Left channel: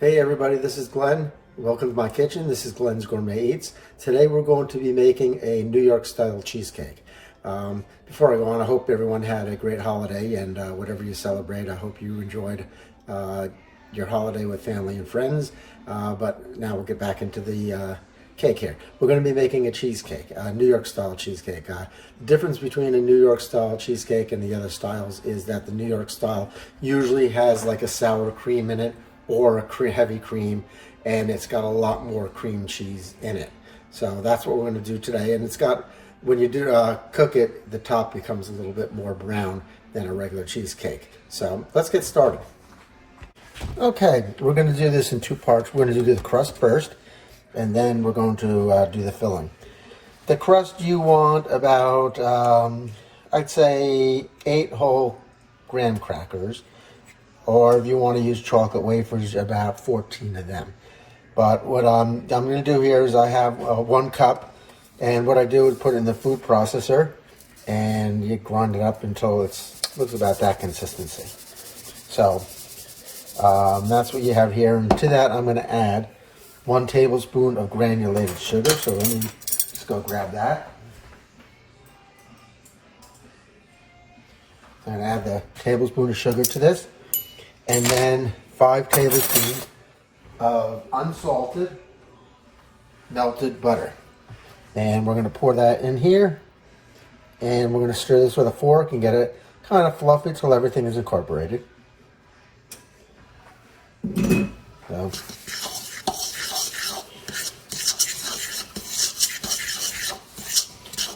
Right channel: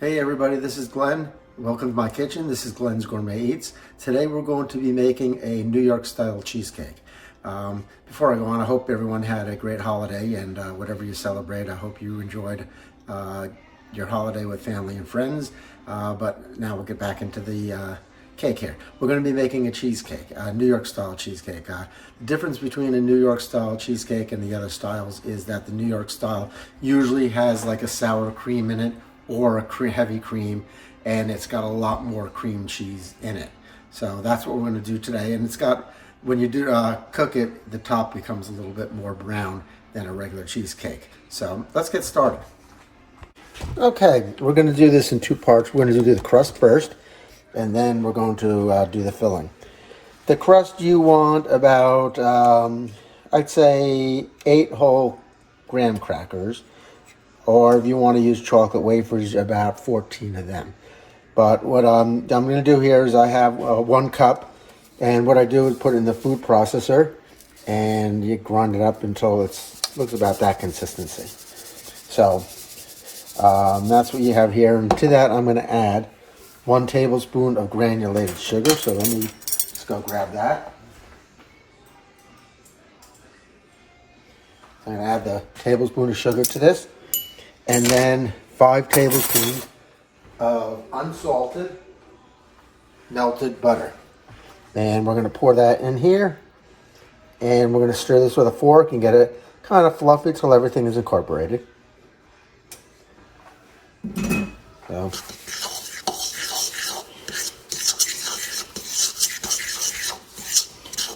Hey everybody, this is Glenn. Welcome to my kitchen. This is Glenn's Gourmet Eats. Today we're going to be making a New York style cheesecake. Before I go on, I hope everyone had a great holiday and whatever you celebrate, I hope you enjoyed your holiday with family and friends. But now we'll get back into the cake here. We're going to be making a cheesecake, a New York style cheesecake. The difference between a New York style cheesecake and the other styles is that the New York style usually has like a sour cream in it or a heavy cream, and it's got a lot more cream cheese in it. So that's what we're going to do today. And it's got, when you do cook it, the top becomes a little bit more brown than a regular cheesecake. So let's get started. Okay, we're going to do this in two parts. We're going to do the crust first, and then we're going to do the filling. The crust, you want about, I'd say 8 whole graham crackers, or if you want to use chocolate wafers, about 14 of them. But what I'm going to do here is I have 1 cup, and what I do is put it in the food processor, and you grind it up until it looks about that consistency. So that's what you have here, and to that I'm going to add 1 tablespoon of granulated sugar. So let me just go grab that. I'm going to add the tablespoon of sugar to this. And then 5 tablespoons of unsalted melted butter. And we're going to pour that in here. And we're going to stir this with a fork and get it kind of fluffy till everything is incorporated. So.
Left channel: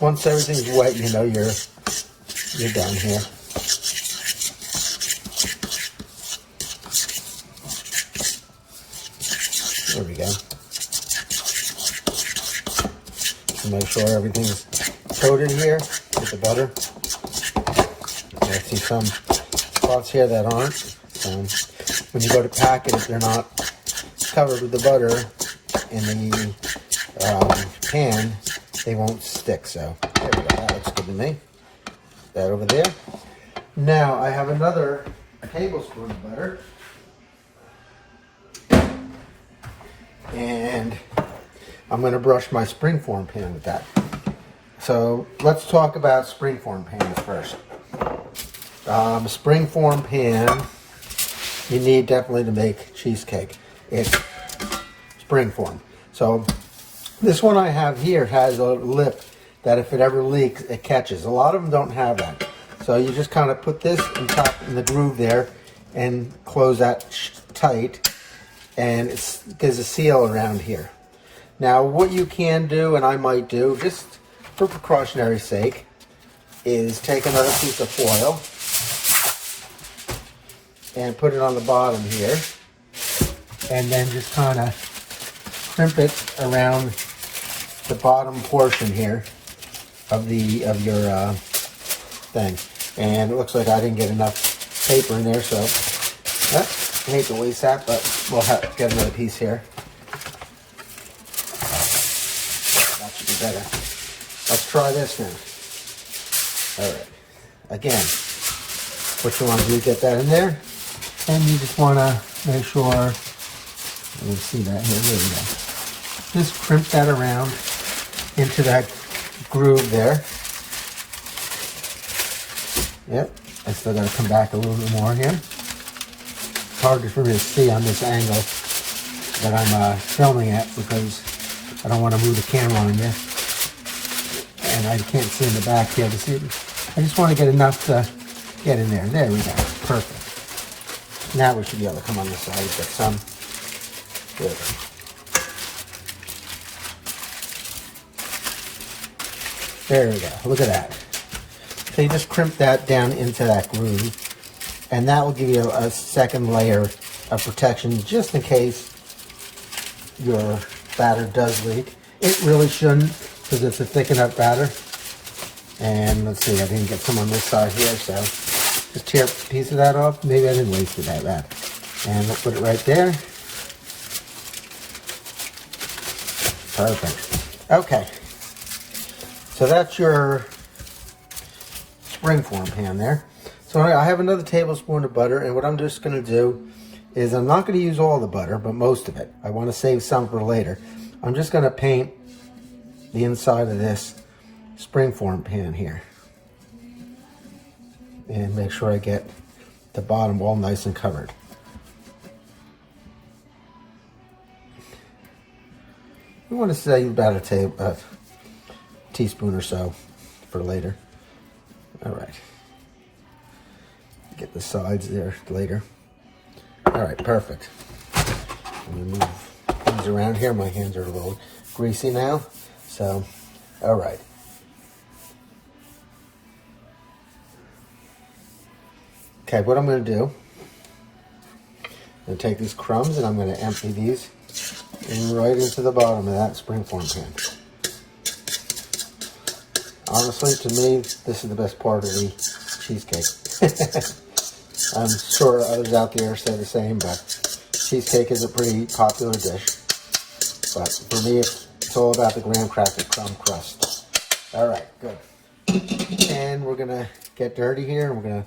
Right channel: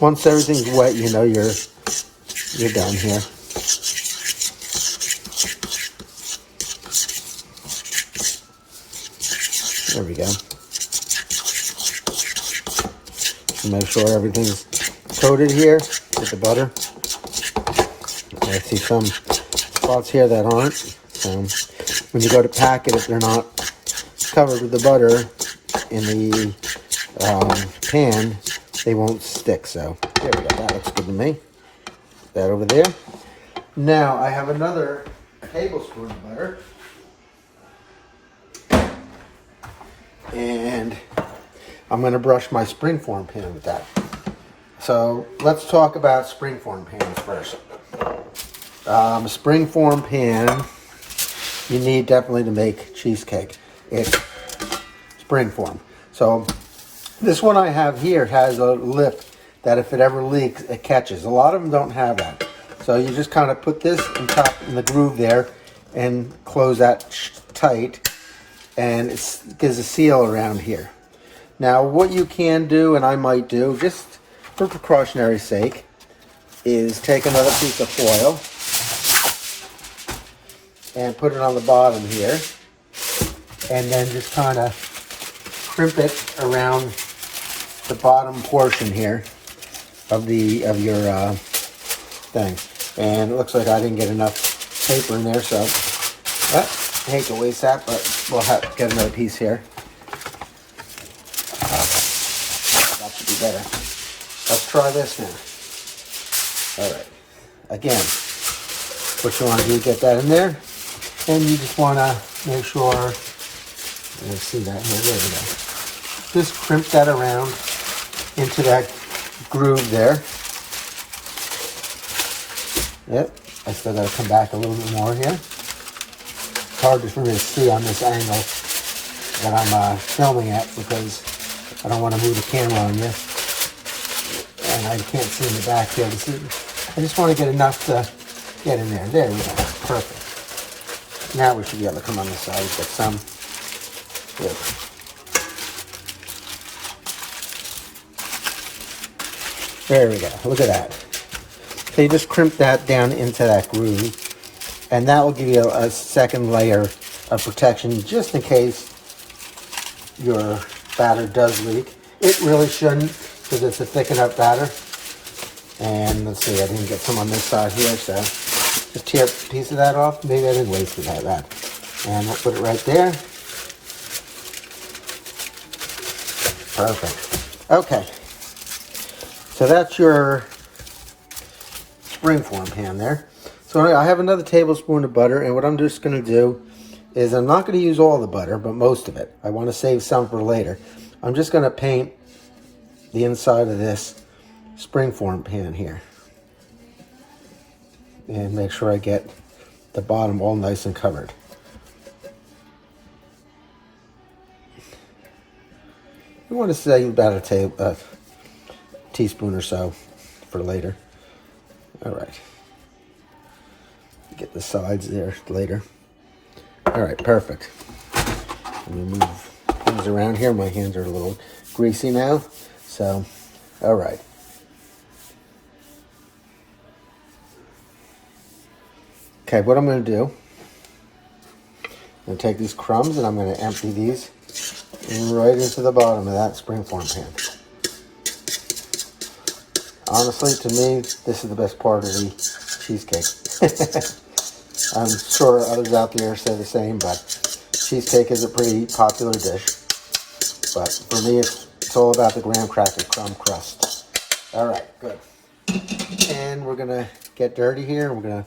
Once everything's wet, you know you're done here. There we go. Just make sure everything's coated here with the butter. I see some spots here that aren't. When you go to pack it, if they're not covered with the butter in the pan, they won't stick. So there we go. That looks good to me. Put that over there. Now I have another tablespoon of butter. And I'm going to brush my Springform pan with that. So let's talk about Springform pans first. Springform pan, you need definitely to make cheesecake. It's Springform. So this one I have here has a lip that if it ever leaks, it catches. A lot of them don't have that. So you just kind of put this in the groove there and close that tight. And it gives a seal around here. Now what you can do, and I might do, just for precautionary sake, is take another piece of foil and put it on the bottom here, and then just kind of crimp it around the bottom portion here of your thing. And it looks like I didn't get enough paper in there, so I hate to waste that, but we'll have to get another piece here. That should be better. Let's try this now. All right. Again, what you want to do is get that in there, and you just want to make sure. Let's see that here. There we go. Just crimp that around into that groove there. Yep. I still got to come back a little bit more here. It's hard for me to see on this angle that I'm filming at because I don't want to move the camera on you, and I can't see in the back here to see. I just want to get enough to get in there. There we go. Perfect. Now we should be able to come on this side, get some. Good. There we go. Look at that. So you just crimp that down into that groove. And that will give you a second layer of protection just in case your batter does leak. It really shouldn't because it's a thick enough batter. And let's see, I didn't get some on this side here, so just tear a piece of that off. Maybe I didn't waste it that bad. And we'll put it right there. Perfect. Okay. So that's your Springform pan there. So I have another tablespoon of butter, and what I'm just going to do is I'm not going to use all the butter, but most of it. I want to save some for later. I'm just going to paint the inside of this Springform pan here. And make sure I get the bottom all nice and covered. I want to save about a teaspoon or so for later. All right. Get the sides there later. All right, perfect. Let me move things around here. My hands are a little greasy now. So, all right. Okay, what I'm going to do, I'm going to take these crumbs and I'm going to empty these right into the bottom of that Springform pan. Honestly, to me, this is the best part of the cheesecake. I'm sure others out there say the same, but cheesecake is a pretty popular dish. But for me, it's all about the graham cracker crumb crust. All right, good. And we're going to get dirty here. We're going to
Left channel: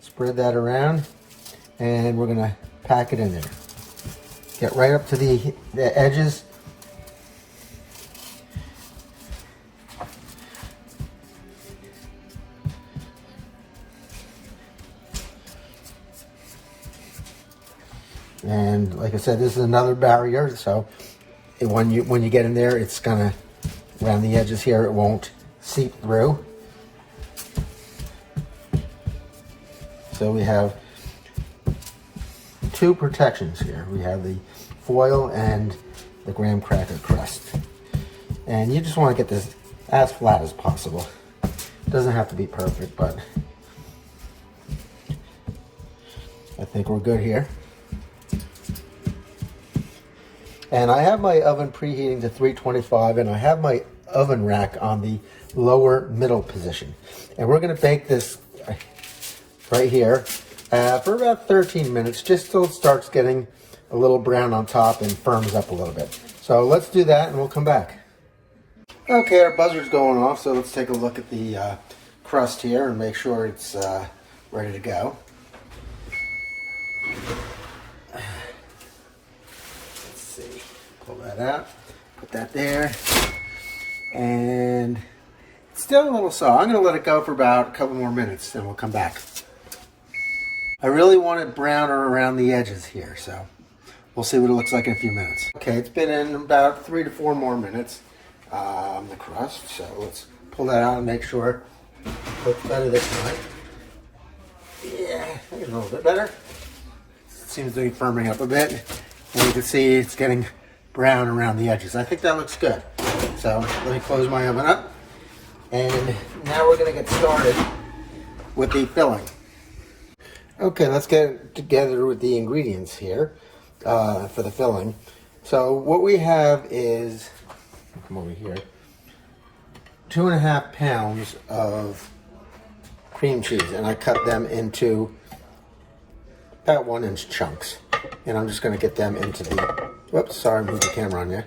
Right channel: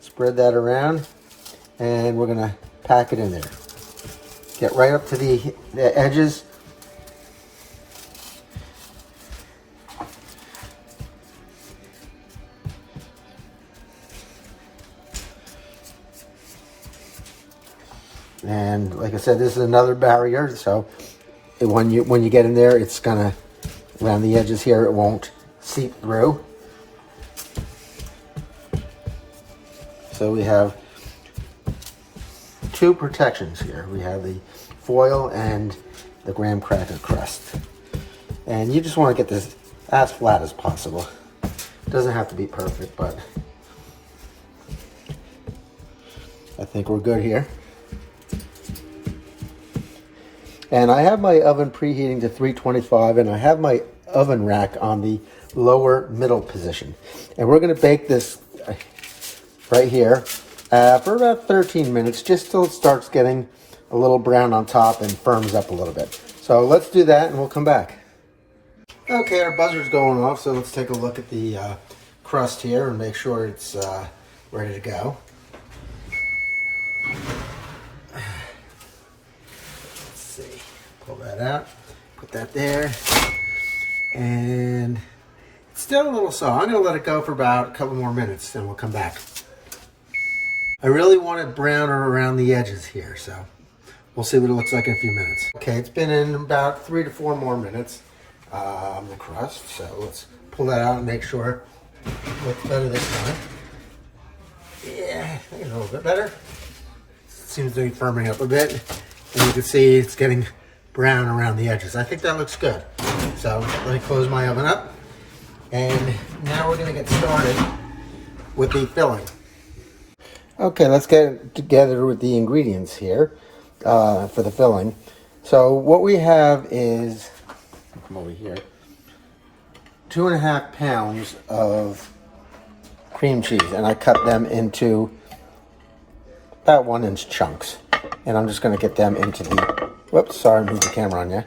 spread that around, and we're going to pack it in there. Get right up to the edges. And like I said, this is another barrier, so when you get in there, it's gonna, around the edges here, it won't seep through. So we have two protections here. We have the foil and the graham cracker crust. And you just want to get this as flat as possible. It doesn't have to be perfect, but I think we're good here. And I have my oven preheating to 325, and I have my oven rack on the lower middle position. And we're going to bake this right here for about 13 minutes, just till it starts getting a little brown on top and firms up a little bit. So let's do that and we'll come back. Okay, our buzzer's going off, so let's take a look at the crust here and make sure it's ready to go. Pull that out, put that there, and it's still a little soft. I'm going to let it go for about a couple more minutes, then we'll come back. I really want it browner around the edges here, so we'll see what it looks like in a few minutes. Okay, it's been in about 3 to 4 more minutes, the crust, so let's pull that out and make sure it looks better this time. Yeah, I think it's a little bit better. It seems to be firming up a bit, and you can see it's getting brown around the edges. I think that looks good. So let me close my oven up. And now we're going to get started with the filling. Okay, let's get together with the ingredients here for the filling. So what we have is, come over here, 2.5 pounds of cream cheese. And I cut them into about 1-inch chunks. And I'm just going to get them into the, whoops, sorry, move the camera on you.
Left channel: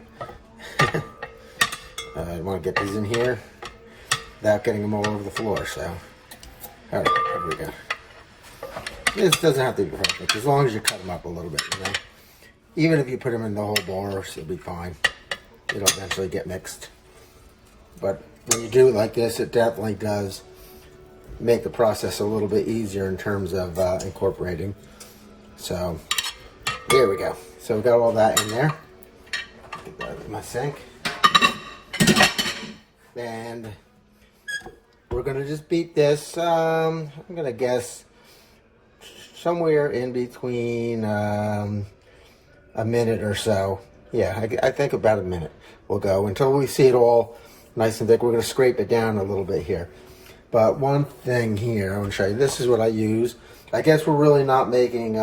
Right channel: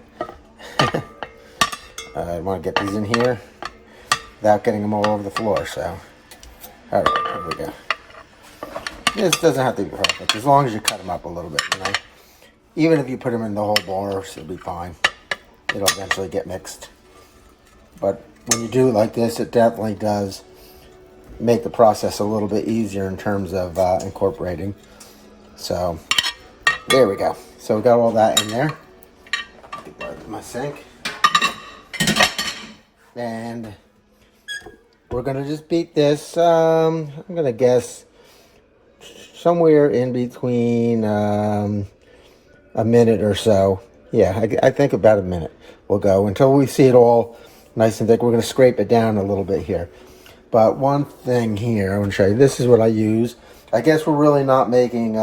I want to get these in here without getting them all over the floor, so. All right, here we go. This doesn't have to be perfect, as long as you cut them up a little bit, you know. Even if you put them in the whole bar, it'll be fine. It'll eventually get mixed. But when you do it like this, it definitely does make the process a little bit easier in terms of incorporating. So, there we go. So we got all that in there. Get that in my sink. And we're gonna just beat this, I'm gonna guess somewhere in between a minute or so. Yeah, I think about a minute we'll go until we see it all nice and thick. We're gonna scrape it down a little bit here. But one thing here, I want to show you, this is what I use. I guess we're really not making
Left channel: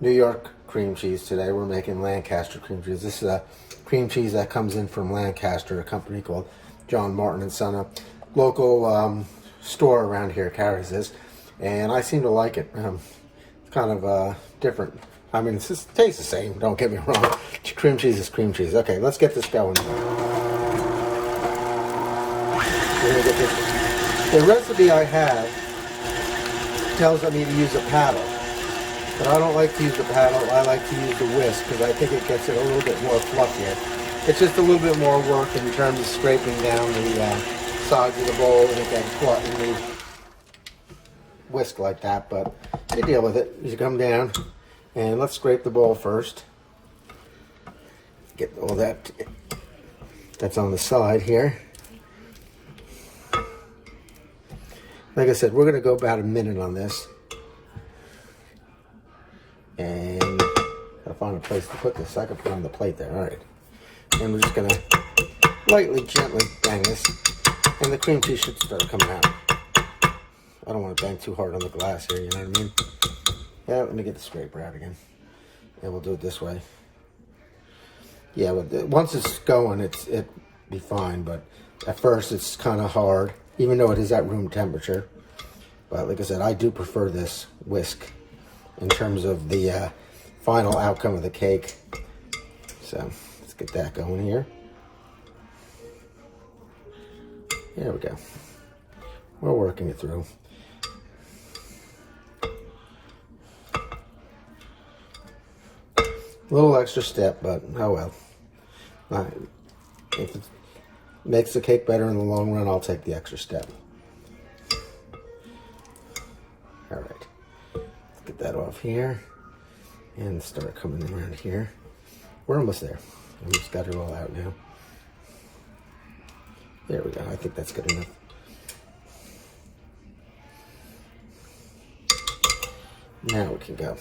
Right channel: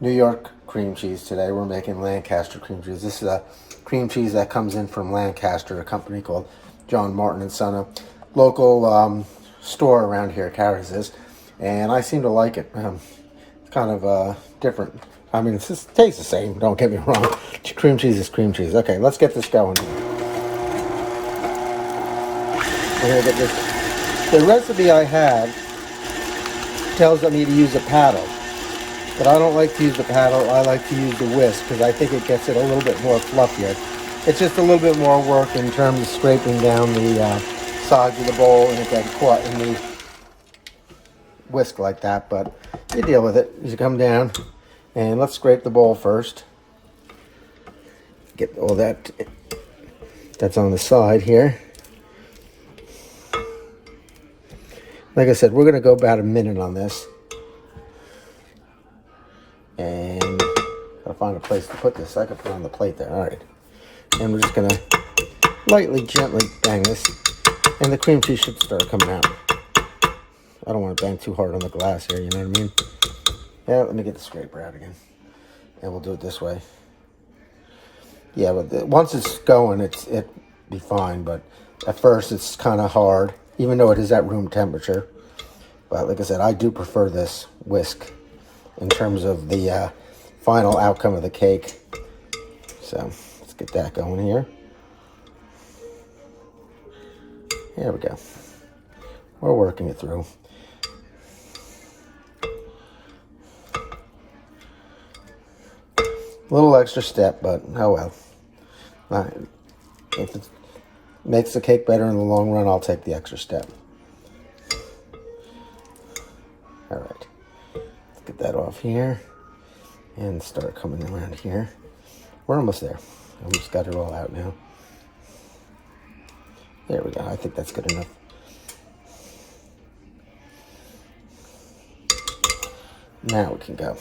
New York cream cheese today. We're making Lancaster cream cheese. This is a cream cheese that comes in from Lancaster, a company called John Martin and Son. A local store around here carries this, and I seem to like it. It's kind of different. I mean, it tastes the same, don't get me wrong. Cream cheese is cream cheese. Okay, let's get this going. We're gonna get this. The recipe I have tells me to use a paddle. But I don't like to use the paddle. I like to use the whisk because I think it gets it a little bit more fluffier. It's just a little bit more work in terms of scraping down the sides of the bowl and get caught in the whisk like that. But you deal with it. You come down and let's scrape the bowl first. Get all that's on the side here. Like I said, we're going to go about a minute on this. And I'll find a place to put this. I can put it on the plate there. All right. And we're just going to lightly, gently bang this. And the cream cheese should start coming out. I don't want to bang too hard on the glass here, you know what I mean? Yeah, let me get the scraper out again. And we'll do it this way. Yeah, but once it's going, it'd be fine. But at first, it's kind of hard, even though it is at room temperature. But like I said, I do prefer this whisk in terms of the final outcome of the cake. So let's get that going here. There we go. We're working it through. A little extra step, but oh well. If it makes the cake better in the long run, I'll take the extra step. All right. Get that off here and start coming around here. We're almost there. We just got it all out now. There we go. I think that's good enough. Now we can go.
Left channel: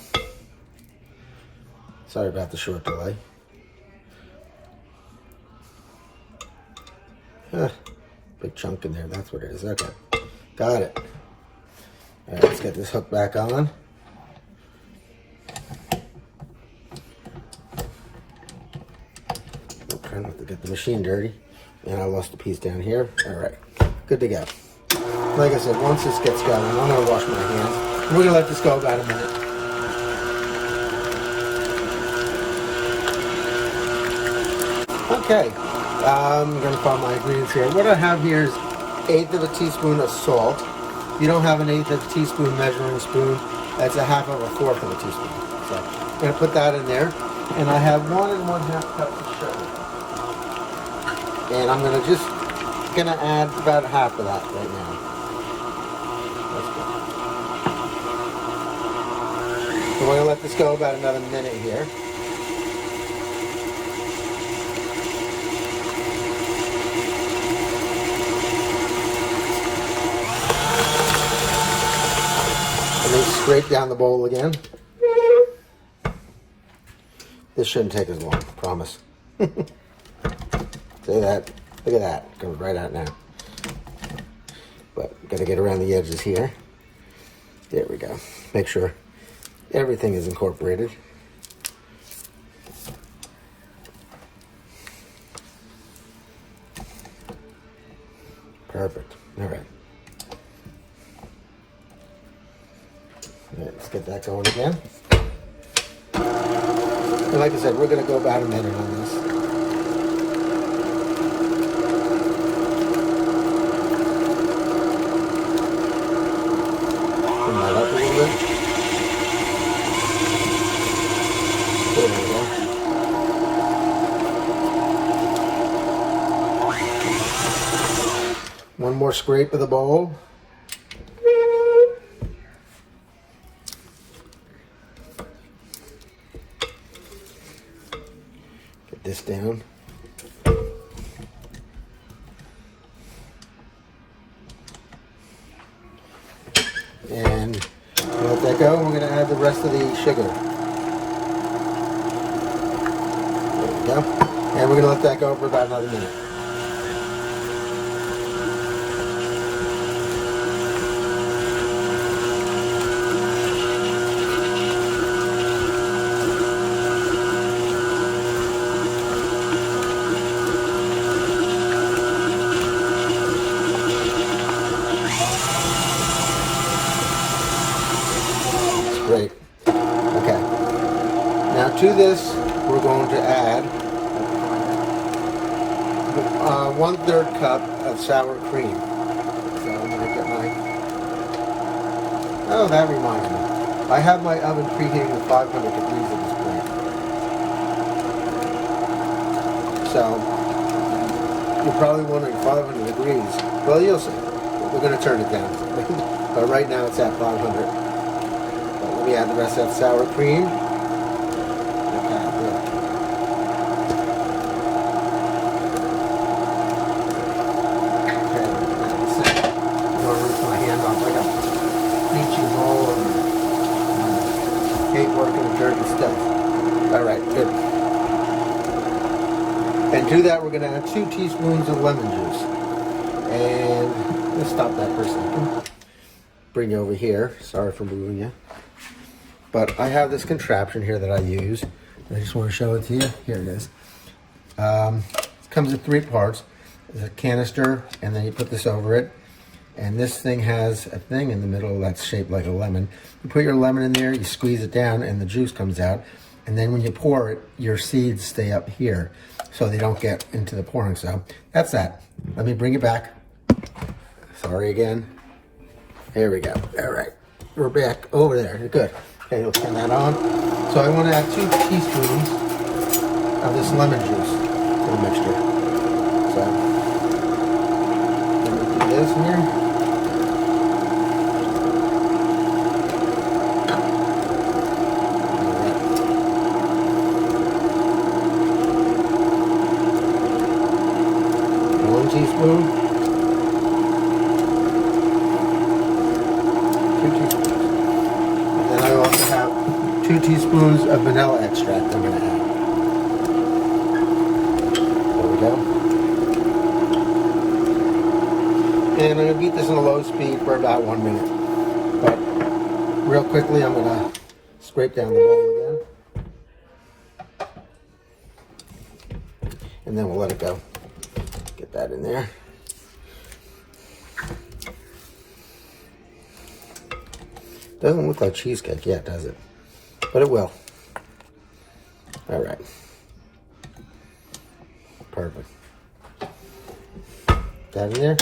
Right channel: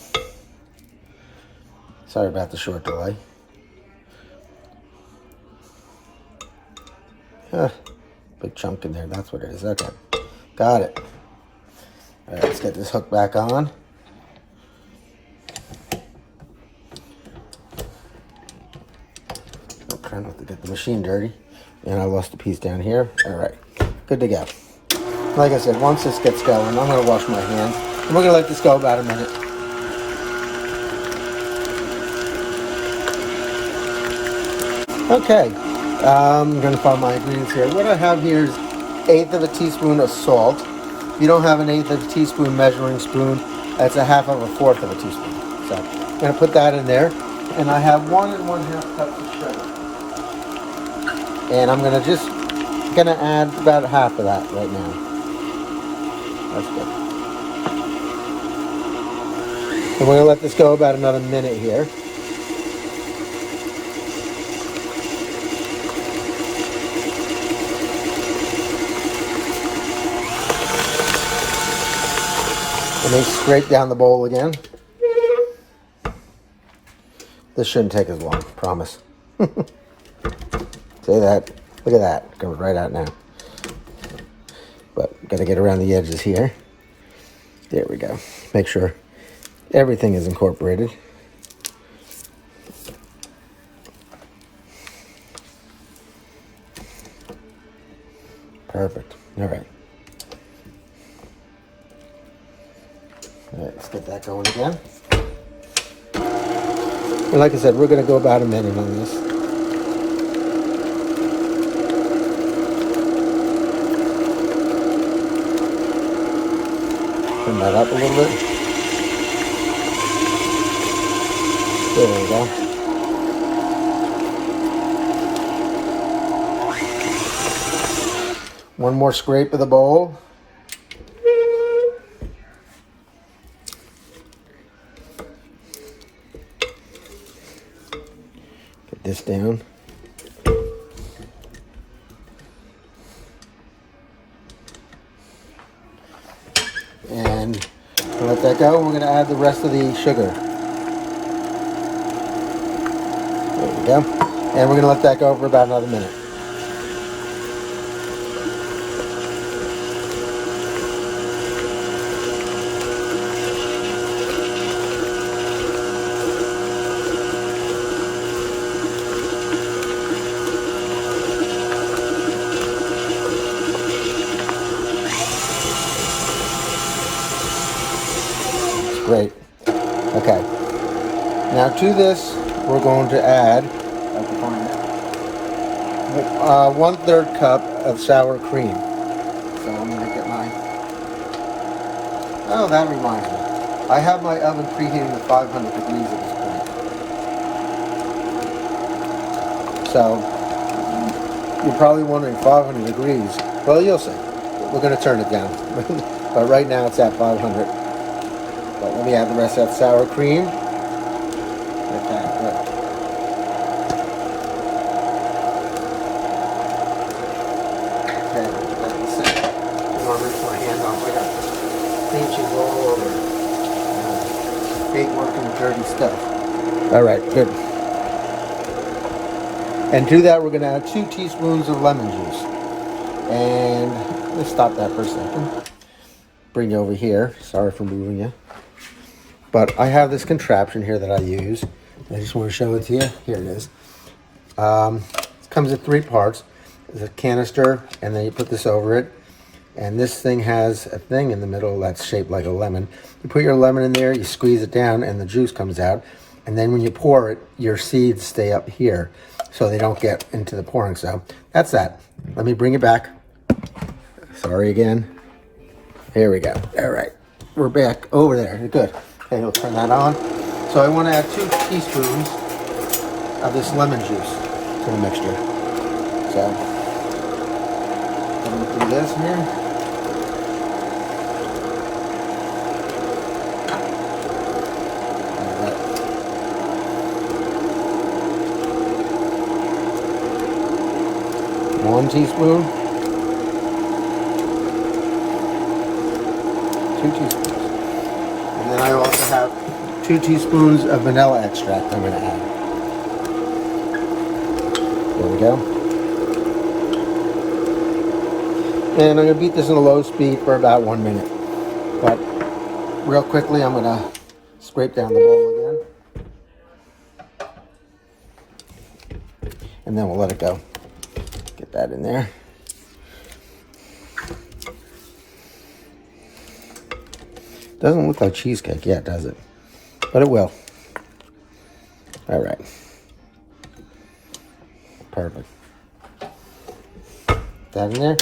Sorry about the short delay. Big chunk in there. That's what it is. Okay. Got it. All right, let's get this hook back on. Try not to get the machine dirty. And I lost a piece down here. All right, good to go. Like I said, once this gets going, I'm gonna wash my hands. And we're gonna let this go about a minute. Okay, I'm gonna find my ingredients here. What I have here is 1/8 of a teaspoon of salt. If you don't have an 1/8 of a teaspoon measuring spoon, that's 1/2 of a 1/4 of a teaspoon. So I'm gonna put that in there. And I have 1 1/2 cups of sugar. And I'm gonna add about 1/2 of that right now. That's good. And we're gonna let this go about another minute here. And then scrape down the bowl again. This shouldn't take as long, I promise. See that? Look at that. It goes right out now. But gotta get around the edges here. There we go. Make sure everything is incorporated. Perfect. All right. All right, let's get that going again. And like I said, we're going to go about a minute on this. Turn that up a little bit. There we go. One more scrape of the bowl. This down. And let that go. We're going to add the rest of the sugar. There we go. And we're going to let that go for about another minute. Great. Okay. Now to this, we're going to add 1/3 cup of sour cream. So let me look at mine. Oh, that reminds me. I have my oven preheating to 500 degrees at this point. So, you're probably wondering 500 degrees. Well, you'll see. We're going to turn it down. But right now it's at 500. But let me add the rest of that sour cream. Okay, good. Okay, that's it. I'm going to rinse my hand off. I got peaches all over. Hate working with dirty stuff. All right, good. And to that, we're going to add 2 teaspoons of lemon juice. And let's stop that for a second. Bring you over here. Sorry for moving you. But I have this contraption here that I use. I just want to show it to you. Here it is. It comes in 3 parts. There's a canister, and then you put this over it. And this thing has a thing in the middle that's shaped like a lemon. You put your lemon in there, you squeeze it down, and the juice comes out. And then when you pour it, your seeds stay up here, so they don't get into the pouring. So that's that. Let me bring it back. Sorry again. There we go. All right. We're back over there. Good. Okay, you'll turn that on. So I want to add 2 teaspoons of this lemon juice to the mixture. So I'm going to do this here. Teaspoon, 2 teaspoons, and then I also have 2 teaspoons of vanilla extract I'm going to add. There we go. And I'm going to beat this in a low speed for about 1 minute. But real quickly, I'm going to scrape down the bowl again, and then we'll let it go. That in there. Doesn't look like cheesecake yet, does it? But it will. All right. Perfect. That in there.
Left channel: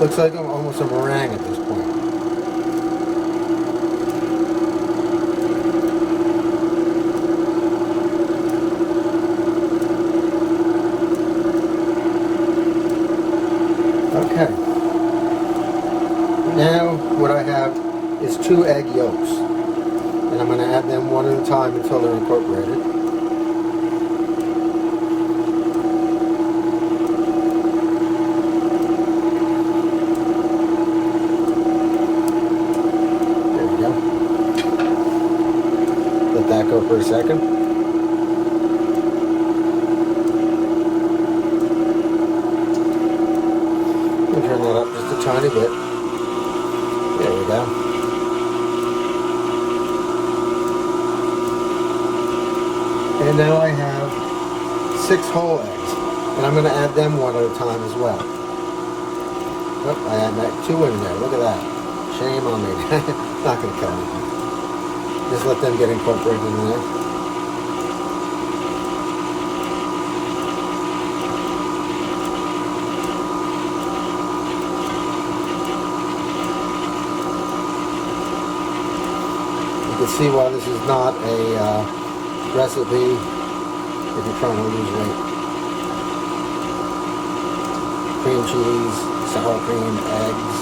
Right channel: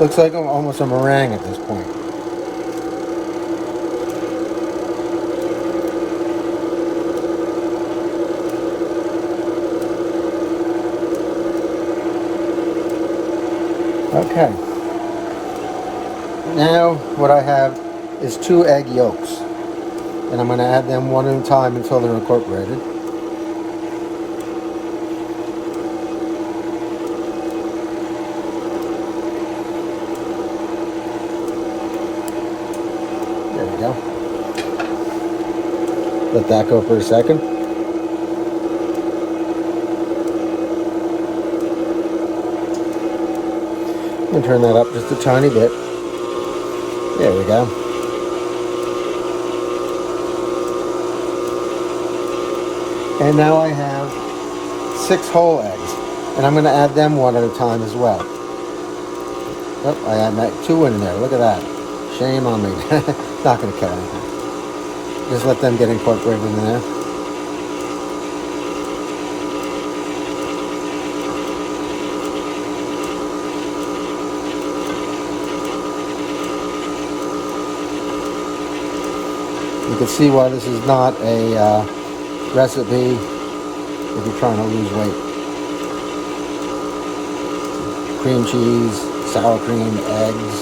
Looks like I'm almost a meringue at this point. Okay. Now what I have is 2 egg yolks, and I'm going to add them one at a time until they're incorporated. There we go. Let that go for a second. And turn that up just a tiny bit. There we go. And now I have 6 whole eggs, and I'm going to add them one at a time as well. Oh, I had 2 in there. Look at that. Shame on me. Not going to kill anything. Just let them get incorporated in there. You can see why this is not a recipe if you're trying to lose weight. Cream cheese, sour cream, eggs.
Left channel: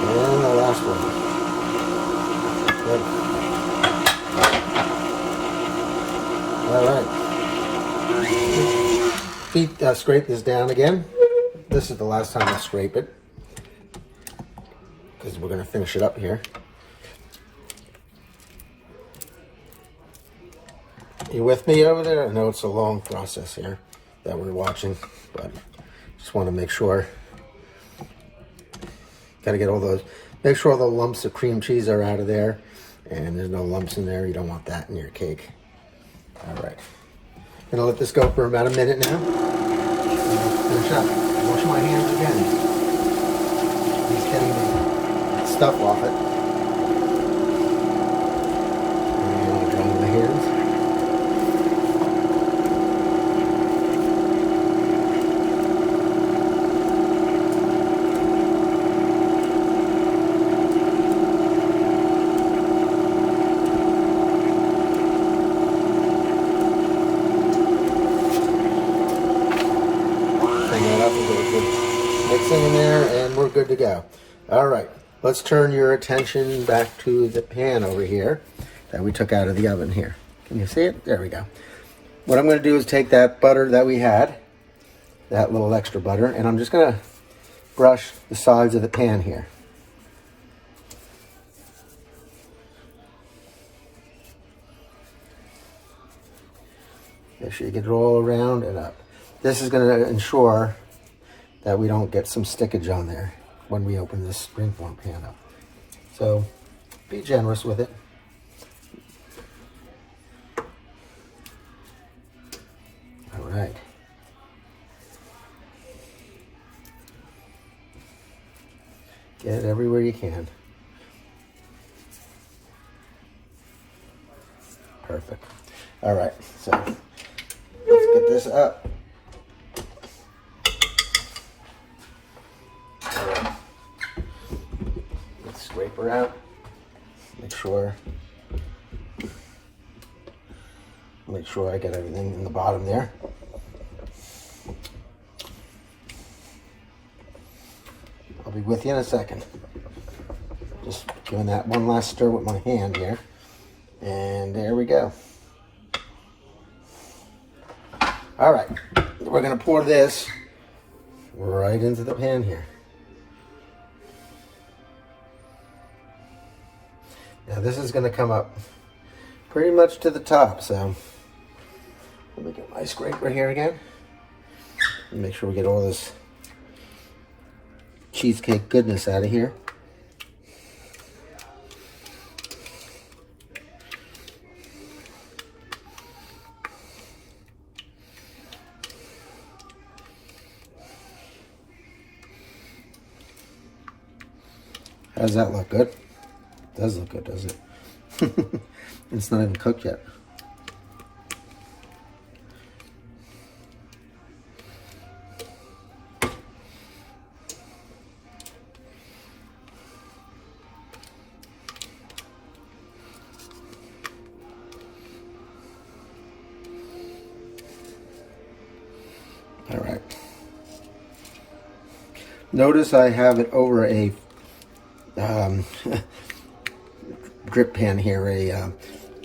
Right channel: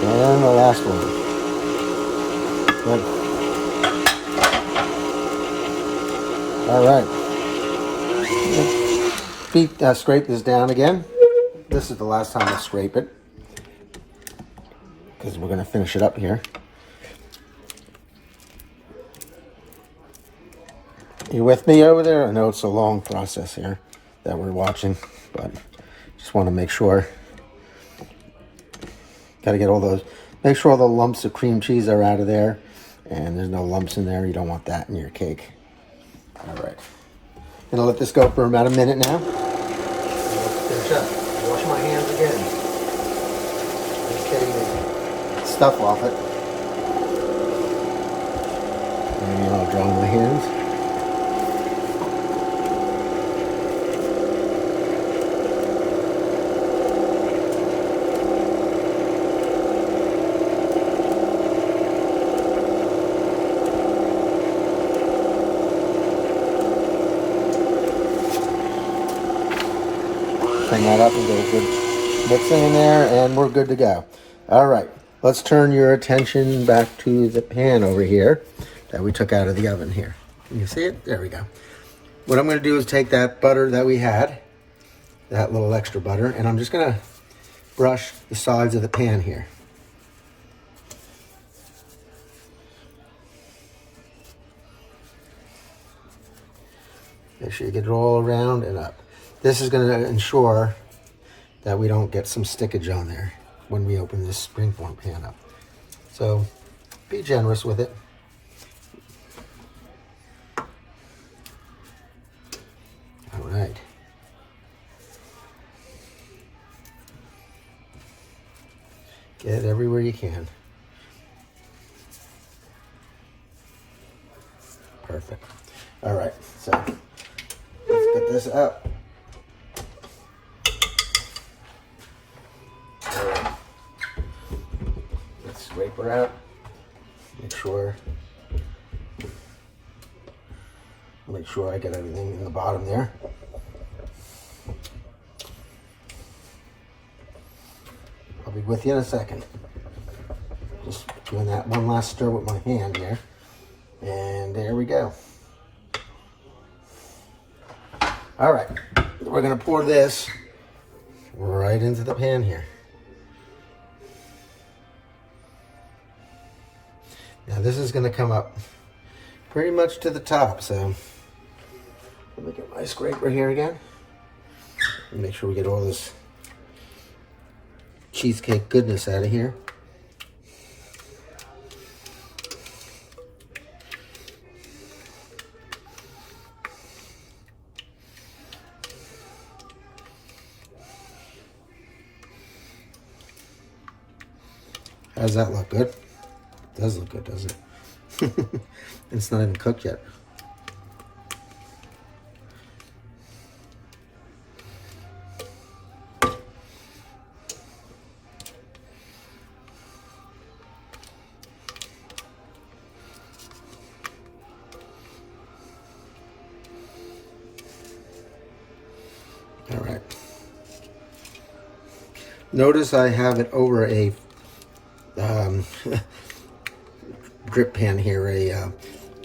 And the last one. All right. Scrape this down again. This is the last time I scrape it, because we're going to finish it up here. You with me over there? I know it's a long process here that we're watching, but just want to make sure. Got to get all those, make sure all the lumps of cream cheese are out of there, and there's no lumps in there. You don't want that in your cake. All right. Gonna let this go for about a minute now. finish up. Wash my hands again. Just getting the stuff off it. And I'll dry my hands. Mixing in there, and we're good to go. All right, let's turn your attention back to the pan over here that we took out of the oven here. Can you see it? There we go. What I'm going to do is take that butter that we had, that little extra butter, and I'm just going to brush the sides of the pan here. Make sure you get it all around and up. This is going to ensure that we don't get some stickage on there when we open this Springform pan up. So be generous with it. All right. Get it everywhere you can. Perfect. All right, so let's get this up. Scrape her out. Make sure I get everything in the bottom there. I'll be with you in a second. Just doing that one last stir with my hand here. And there we go. All right, we're gonna pour this right into the pan here. Now this is going to come up pretty much to the top, so let me get my scraper here again. Make sure we get all this cheesecake goodness out of here. How does that look? Good? Does look good, does it? It's not even cooked yet. All right. Notice I have it over a drip pan here, a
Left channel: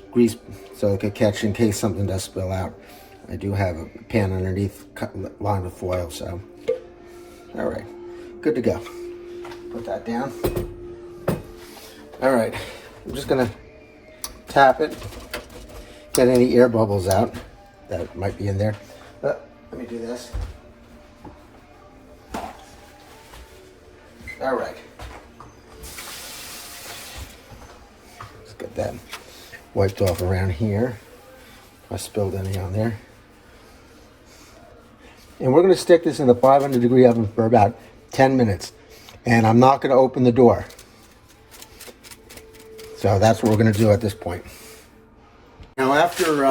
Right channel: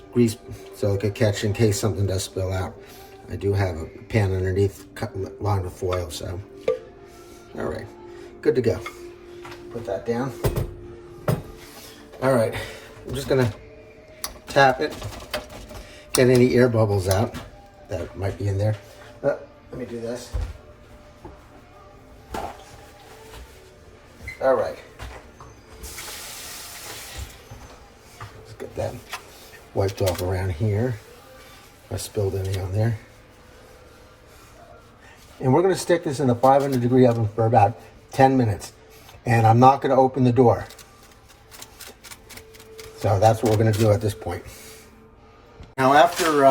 grease, so it could catch in case something does spill out. I do have a pan underneath lined with foil, so all right, good to go. Put that down. All right, I'm just gonna tap it, get any air bubbles out that might be in there. But let me do this. All right. Get that wiped off around here. I spilled any on there. And we're going to stick this in the 500-degree oven for about 10 minutes. And I'm not going to open the door. So that's what we're going to do at this point. Now after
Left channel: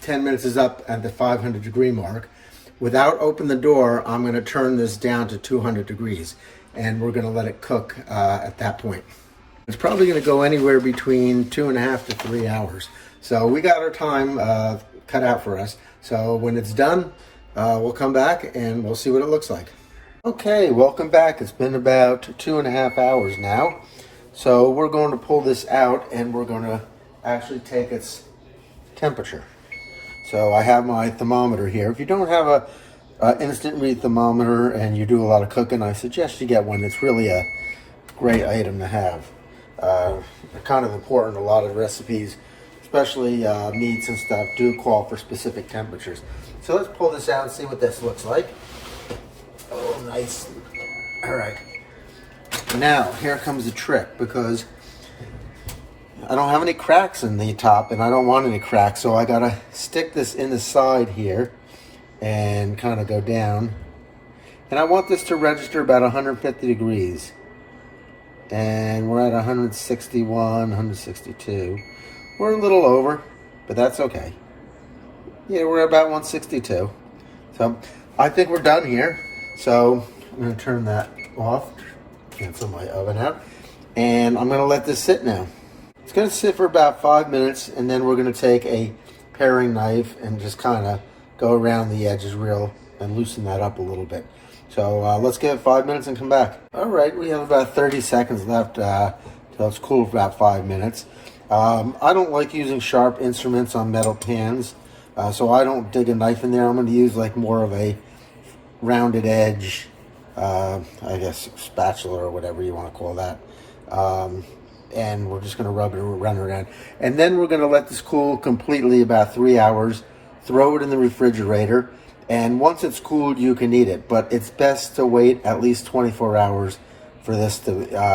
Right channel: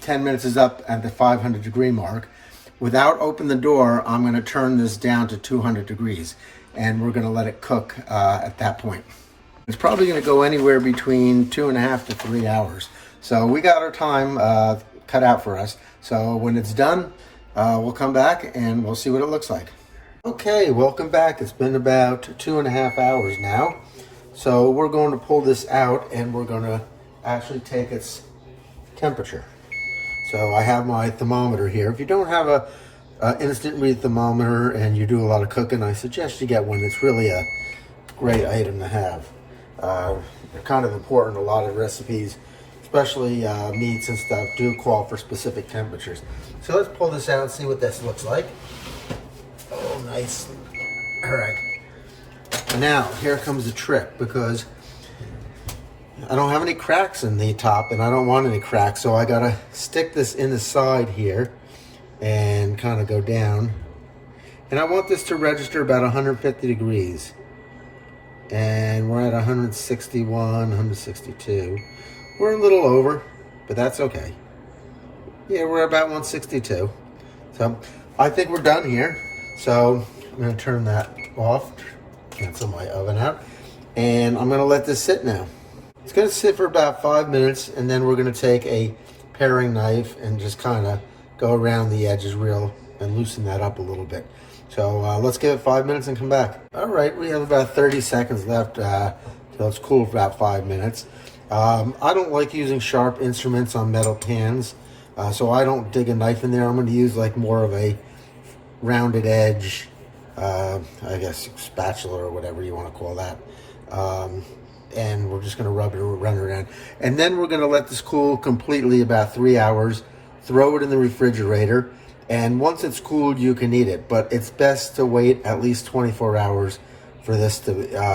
10 minutes is up at the 500-degree mark, without opening the door, I'm going to turn this down to 200 degrees. And we're going to let it cook at that point. It's probably going to go anywhere between 2.5 to 3 hours. So we got our time cut out for us. So when it's done, we'll come back and we'll see what it looks like. Okay, welcome back. It's been about 2.5 hours now. So we're going to pull this out and we're going to actually take its temperature. So I have my thermometer here. If you don't have a instant read thermometer and you do a lot of cooking, I suggest you get one. It's really a great item to have. They're kind of important. A lot of recipes, especially meats and stuff, do call for specific temperatures. So let's pull this out and see what this looks like. Oh, nice. All right. Now, here comes the trick, because I don't have any cracks in the top and I don't want any cracks, so I gotta stick this in the side here and kind of go down And I want this to register about 150 degrees. And we're at 161, 162. We're a little over, but that's okay. Yeah, we're about 162. So I think we're done here. So I'm going to turn that off, cancel my oven out, and I'm going to let this sit now. It's going to sit for about 5 minutes, and then we're going to take a paring knife and just kind of go around the edges and loosen that up a little bit. So let's give it 5 minutes and come back. All right, we have about 30 seconds left till it's cool for about 5 minutes. I don't like using sharp instruments on metal pans, so I don't dig a knife in there. I'm going to use like more of a rounded edge, I guess spatula or whatever you want to call that. And we're just going to run it around. And then we're going to let this cool completely about 3 hours, throw it in the refrigerator, and once it's cooled, you can eat it. But it's best to wait at least 24 hours for this to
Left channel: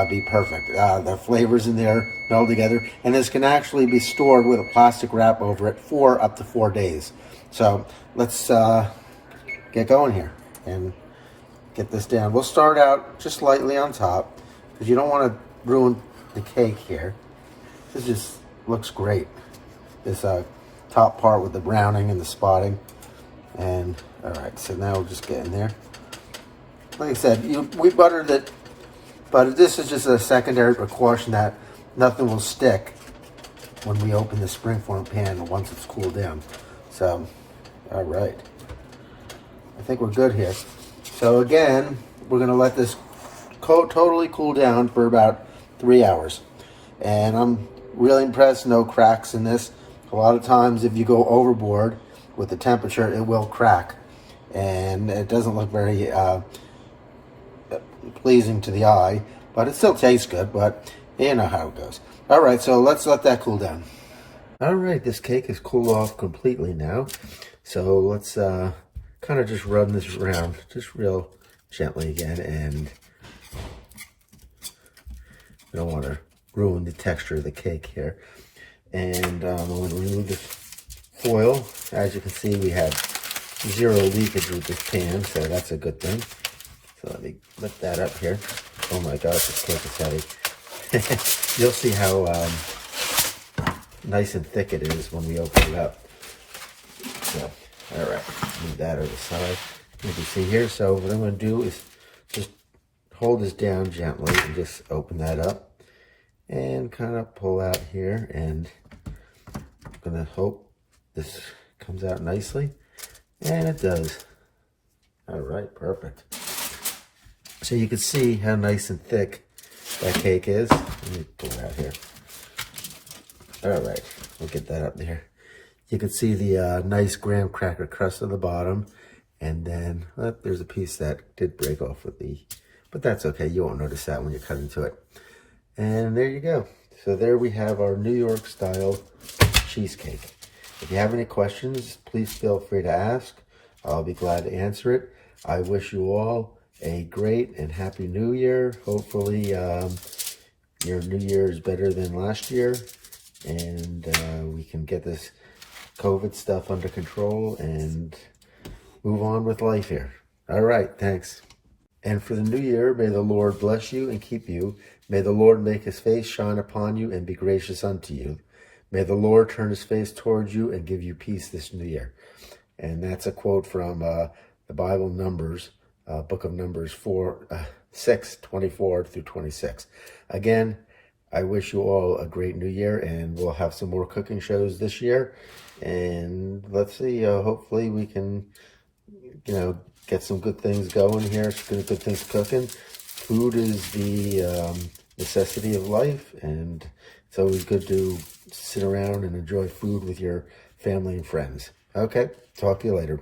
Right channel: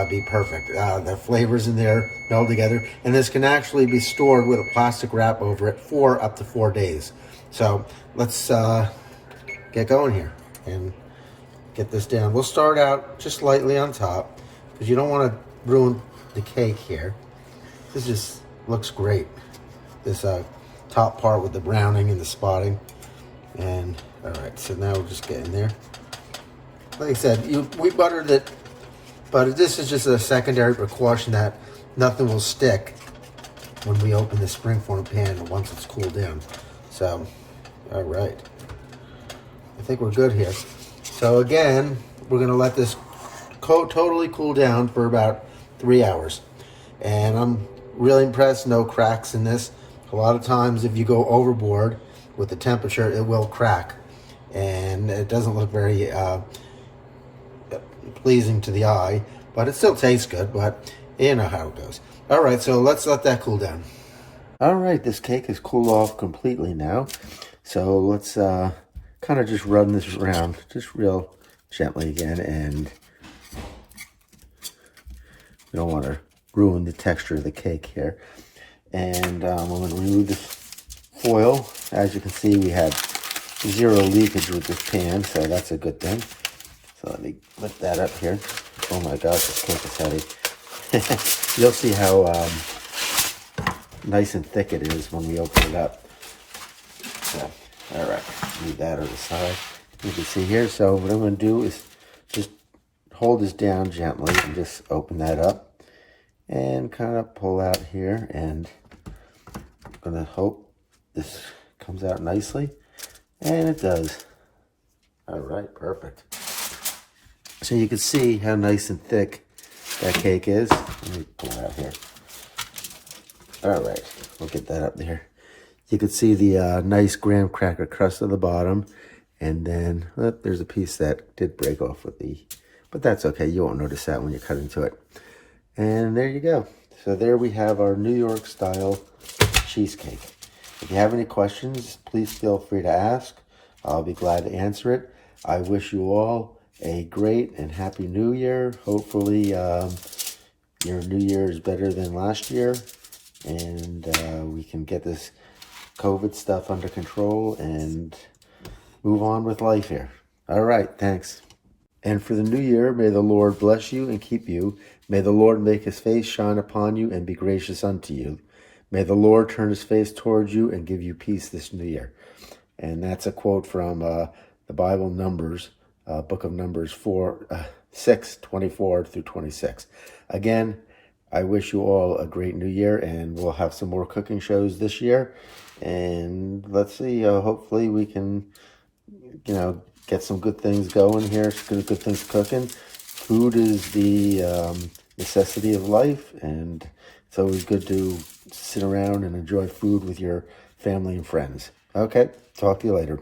be perfect. The flavors in there meld together, and this can actually be stored with a plastic wrap over it for up to 4 days. So let's get going here and get this down. We'll start out just lightly on top because you don't want to ruin the cake here. This just looks great. This top part with the browning and the spotting. And all right, so now we'll just get in there. Like I said, we buttered it, but this is just a secondary precaution that nothing will stick when we open the Springform pan once it's cooled down. So, all right, I think we're good here. So again, we're gonna let this totally cool down for about 3 hours. And I'm really impressed, no cracks in this. A lot of times if you go overboard with the temperature, it will crack. And it doesn't look very pleasing to the eye, but it still tastes good, but you know how it goes. All right, so let's let that cool down. All right, this cake is cooled off completely now. So let's kind of just run this around, just real gently again, and you don't want to ruin the texture of the cake here. And I'm going to remove this foil. As you can see, we have 0 leakage with this pan, so that's a good thing. So let me lift that up here. Oh my gosh, this cake is heavy. You'll see how nice and thick it is when we open it up. So, all right, move that over the side. You can see here. So what I'm going to do is just hold this down gently and just open that up and kind of pull out here, and I'm going to hope this comes out nicely, and it does. All right, perfect. So you can see how nice and thick that cake is. Let me pull it out here. All right, we'll get that up there. You can see the nice graham cracker crust at the bottom, and then there's a piece that did break off with but that's okay. You won't notice that when you cut into it. And there you go. So there we have our New York style cheesecake. If you have any questions, please feel free to ask. I'll be glad to answer it. I wish you all a great and happy New Year. Hopefully your New Year is better than last year, and we can get this COVID stuff under control and move on with life here. All right, thanks. And for the new year, may the Lord bless you and keep you. May the Lord make his face shine upon you and be gracious unto you. May the Lord turn his face towards you and give you peace this new year. And that's a quote from the Bible, Numbers, book of Numbers 6:24 through 26. Again, I wish you all a great new year, and we'll have some more cooking shows this year. And let's see, hopefully we can, get some good things going here, good things cooking. Food is the necessity of life, and it's always good to sit around and enjoy food with your family and friends. Okay, talk to you later.